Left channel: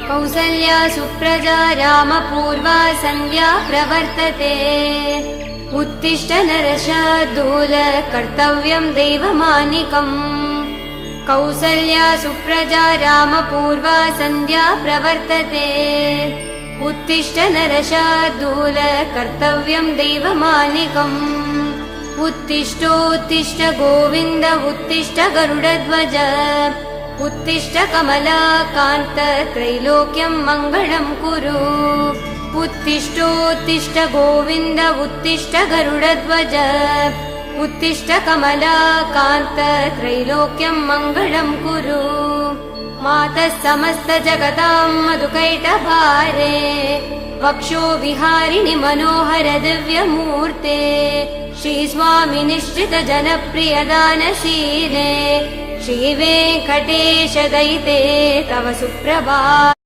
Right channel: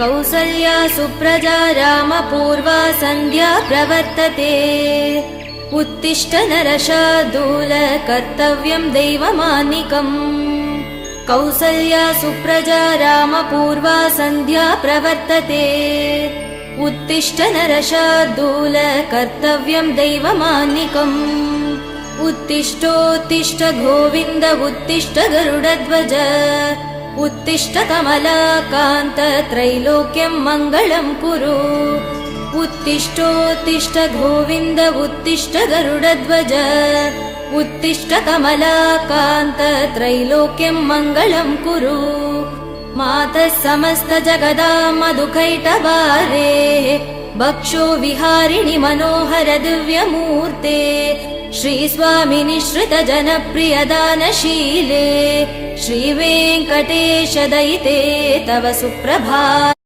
कौसल्या सुप्रजा रामपूर्वा सन्ध्या प्रवर्तते उत्तिष्ठ नरशार्दूल कर्तव्यं दैवमानिकम् कौसल्या सुप्रजा रामपूर्वा सन्ध्या प्रवर्तते उत्तिष्ठ नरशार्दूल कर्तव्यं दैवमानिकम् उत्तिष्ठोत्तिष्ठ गोविन्द उत्तिष्ठ गरुडध्वज उत्तिष्ठ कमलाकान्त त्रैलोक्यं मङ्गलं कुरु उत्तिष्ठोत्तिष्ठ गोविन्द उत्तिष्ठ गरुडध्वज उत्तिष्ठ कमलाकान्त त्रैलोक्यं मङ्गलं कुरु मातः समस्त जगदां मधुकैटभारे भक्षो विहारिणि मनोहर दिव्यमूर्ते श्रीस्वामि निःश्रित जनप्रिय दानशीले श्रीवेङ्कटेश दयिते तव सुप्रभातम्।